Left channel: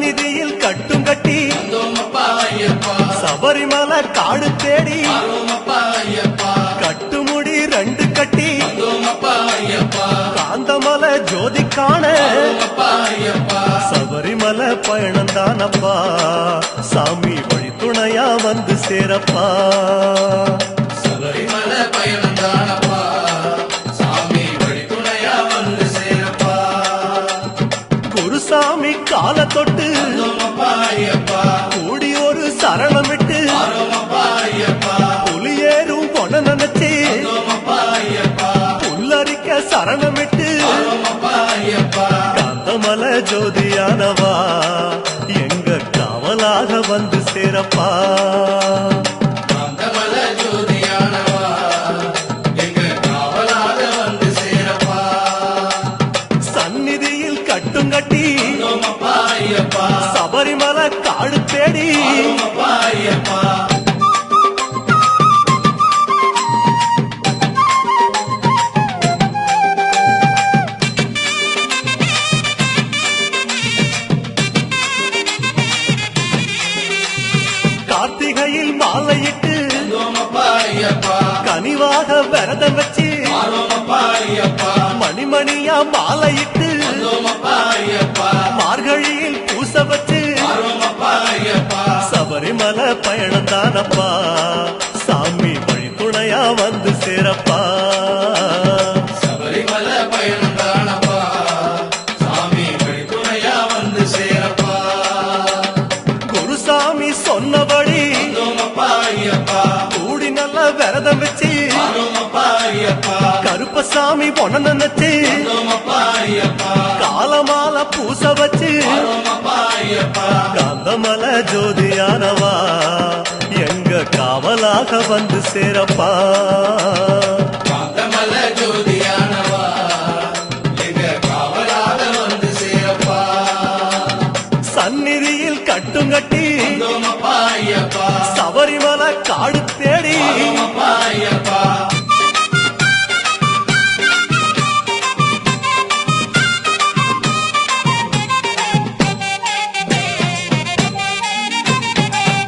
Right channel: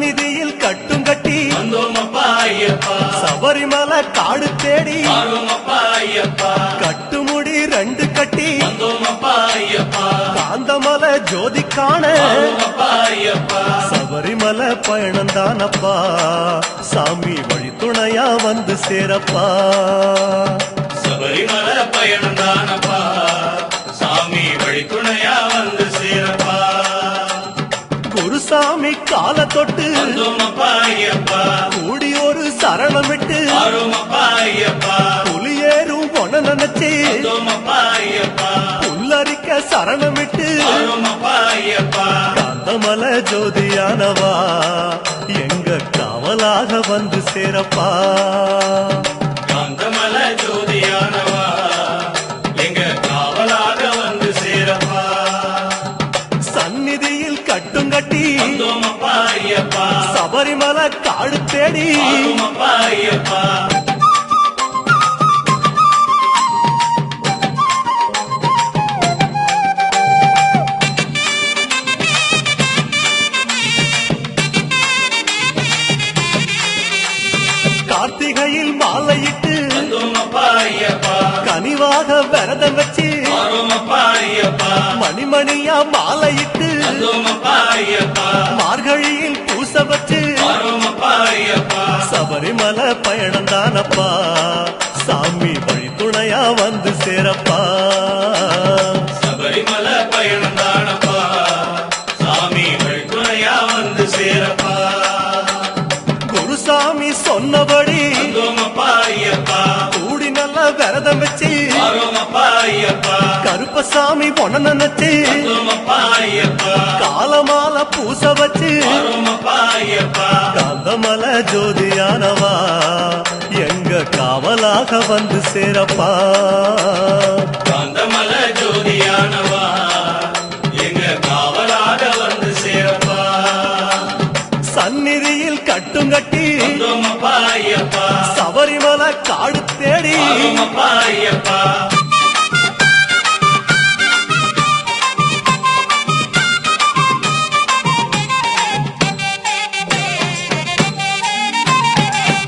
சந்நிதியில் கட்டும் கட்டி சபரிமலை காடு தேடி கட்டுமுடி 2 கட்டி காந்தமலை ஜோதி காண சபரிமலை பயணந்தானப்பா சாமி வழி துணையா வந்து சேரப்பா சபரிமலை பயணந்தானப்பா சாமி வழி துணையா வந்து சேரப்பா குருசாமி கால தொட்டு கூடி ஒரு சரணமிட்டு புலியேறும் பொன நினைச்சு புல்லரிக்க சரணமிட்டு காந்தமலை ஜோதியானவா எங்க காவலாக வந்து சேரப்பா காந்தமலை ஜோதியானவா எங்க காவலாக வந்து சேரப்பா சந்நிதியில் கட்டும் கட்டி சபரிமலை காடு தேடி கார்த்திகையில் மாலையிட்டு கனிவாக விரதம் வச்சு மணிமணியா மாலையிட்டு மார்கழியில் பூச வச்சு சபரிமலை பயணந்தானப்பா சாமி வழி துணையா வந்து சேரப்பா சபரிமலை பயணந்தானப்பா சாமி வழி துணையா வந்து சேரப்பா குருசாமி சொன்னபடி கூடி நல்ல விரதம் வச்சு கருப்பசாமி பொண்ண நினைச்சு காலமால பூச வச்சு காந்தமலை ஜோதியானவா எங்க காவலாக வந்து சேரப்பா காந்தமலை ஜோதியானவா எங்க காவலாக வந்து சேரப்பா சந்நிதியில் கட்டும் கட்டி சபரிமலை காடு தேடி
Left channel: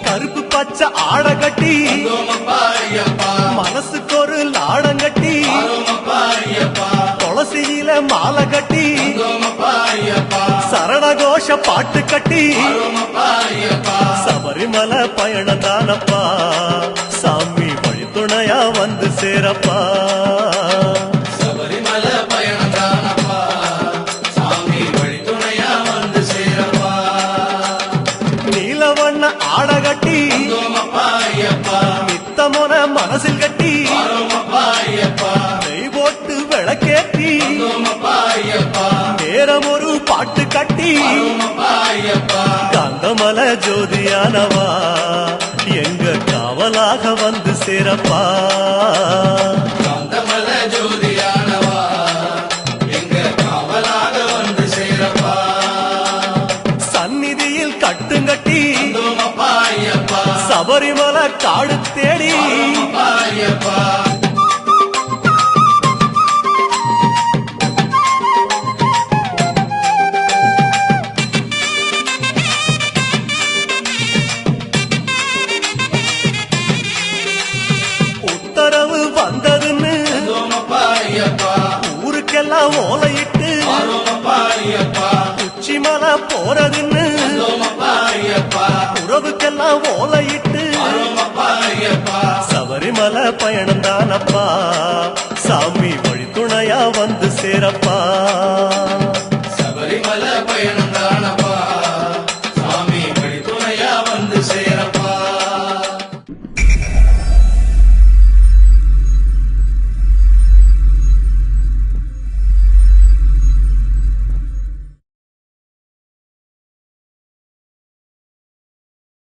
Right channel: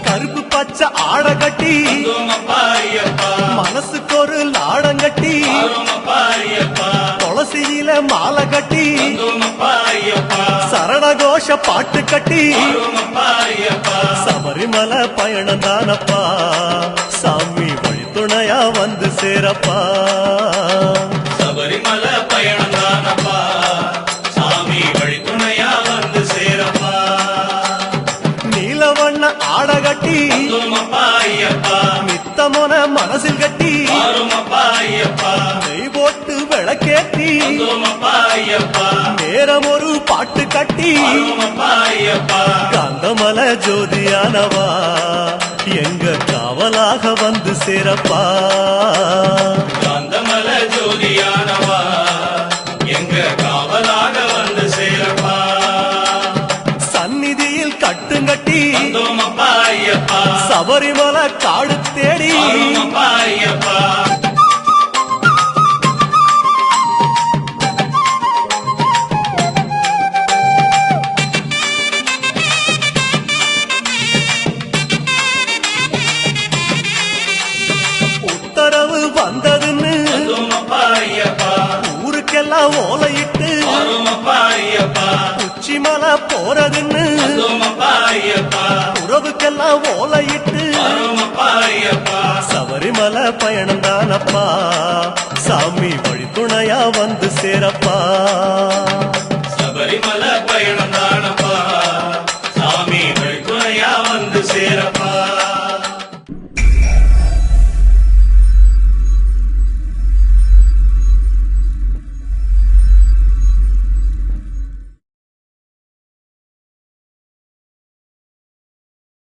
கருப்பு பச்சை ஆட கட்டி மனசுக்கு ஒரு லாடம் கட்டி துளசியில மாலை கட்டி சரணகோஷ பாட்டு கட்டி சபரிமலை பயணந்தானப்பா சாமி வழி துணையா வந்து சேரப்பா சபரிமலை பயணந்தானப்பா சாமி வழி துணையா வந்து சேரப்பா நீலவண்ண ஆட கட்டி நித்தமொன மனசில் கட்டி நெய் போட்டு விளக்கேற்றி நேரம் ஒரு பாட்டு கட்டி காந்தமலை ஜோதியானவா எங்க காவலாக வந்து சேரப்பா காந்தமலை ஜோதியானவா எங்க காவலாக வந்து சேரப்பா சந்நிதியில் கட்டுங்கட்டி சபரிமலை காடு தேடி உத்தரவு வந்ததுன்னு ஊருக்கெல்லாம் ஓலையிட்டு உச்சிமலை போறதுன்னு உறவுக்கெல்லாம் ஓலையிட்டு சபரிமலை பயணந்தானப்பா சாமி வழி துணையா வந்து சேரப்பா சபரிமலை பயணந்தான